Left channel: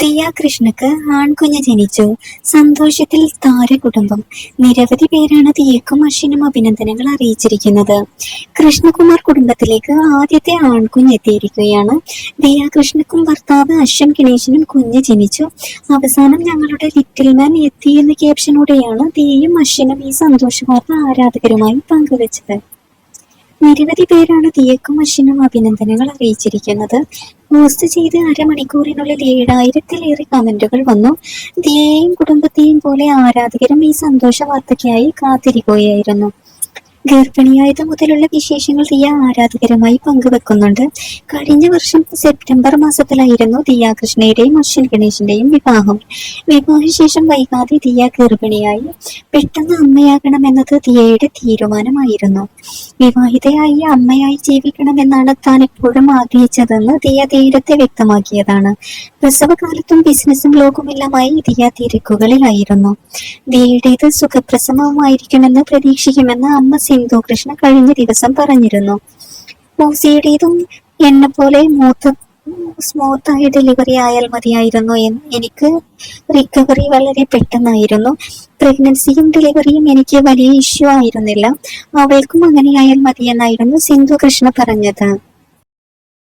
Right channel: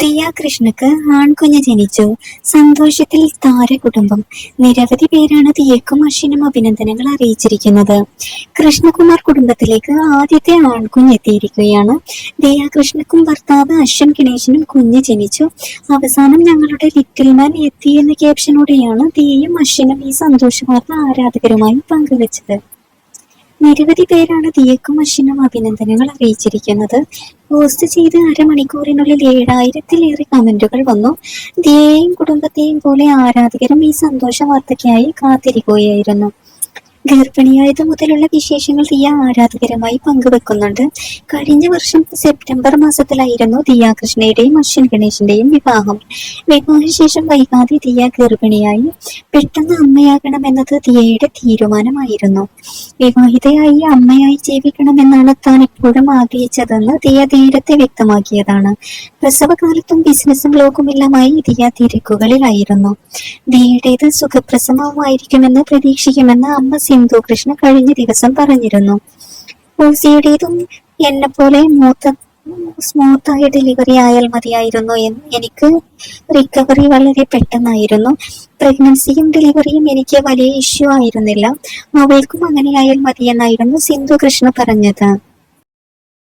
ദിയ കൃഷ്ണക്ക് ആൺകുഞ്ഞ് ജനിച്ചു. സന്തോഷത്തിൽ താര കുടുംബം. നിരവധി പേരാണ് ദിയക്കും അശ്വിനും അഭിനന്ദനങ്ങൾ അറിയിച്ചിരിക്കുന്നത്. കൃഷ്ണകുമാർ കുടുംബത്തിലേക്ക് ആദ്യത്തെ ആൺകുഞ്ഞ് എത്തിയിരിക്കുകയാണ്. ദിയ കൃഷ്ണക്കും ഭർത്താവ് അശ്വൻ ഗണേശനും കുഞ്ഞ് ജനിച്ചു. അവസാനം ഞങ്ങളുടെ ലിറ്റിൽ മാൻ എത്തി എന്ന ക്യാപ്ഷനോടെയാണ് ദിയയും അശ്വിനും ഈ സന്തോഷ വാർത്ത ആരാധകരുമായി പങ്കുവച്ചത്. നിരവധി പേരാണ് ദിയക്കും അശ്വിനും അഭിനന്ദനങ്ങൾ അറിയിച്ചിരിക്കുന്നത്. പോസ്റ്റ് ചെയ്ത് അരമണിക്കൂറിനുള്ളിൽ ഏഴായിരത്തിലേറെ കമന്റുകൾ വന്നു. ദിയെയും കുടുംബത്തെയും പോലെ ആരാധകരും ഈ സന്തോഷ വാർത്തയ്ക്കായി കാത്തിരിക്കുകയായിരുന്നു. ഗർഭിണിയായത് മുതലുള്ള വിശേഷങ്ങൾ ദിയ ആരാധകരുമായി പങ്കുവെക്കുന്നുണ്ട്. കഴിഞ്ഞ വർഷം സെപ്റ്റംബർ മാസത്തിലായിരുന്നു ദിയ കൃഷ്ണയുടെയും അശ്വിൻ ഗണേശിന്റെയും വിവാഹം. വിവാഹശേഷം വൈകാതെ ദിയ ഗർഭിണിയായി പെട്ടെന്ന് അമ്മയാകണമെന്നത് ദിയയുടെ തീരുമാനമായിരുന്നു. വിവാഹിതയായി അമ്മയായി ജീവിക്കണമെന്നാണ് താൻ എപ്പോഴും ആഗ്രഹിച്ചതെന്ന് ദിയ നേരത്തെ വ്യക്തമാക്കിയതാണ്. പ്രസവകാലത്തും ബിസിനസ്സും ലോകമെല്ലാമായി ദിയ തിരക്കുകളിലായിരുന്നു ദിയയുടേത് സുഖപ്രസവമായിരിക്കുമെന്ന് പ്രതീക്ഷിക്കുമെന്ന് അമ്മ സിന്ധു കൃഷ്ണ കഴിഞ്ഞ ദിവസം പറഞ്ഞിരുന്നു. മൂസിയുടേതും എന്നെ പോലെ മൂത്ത സ്മൂത്തായ ഡെലിവറി ആയാൽ മതിയായിരുന്നു എനിക്ക് റിക്കവറി വളരെ പെട്ടെന്നായിരുന്നു. പ്രഗ്നൻസിയും ഡെലിവറിയും എനിക്ക് വലിയ ഇഷ്യൂ ആയിരുന്നില്ല. അവൾക്കും അങ്ങനെയായാൽ മതിയെന്നായിരുന്നു സിന്ധു കൃഷ്ണ പറഞ്ഞത്.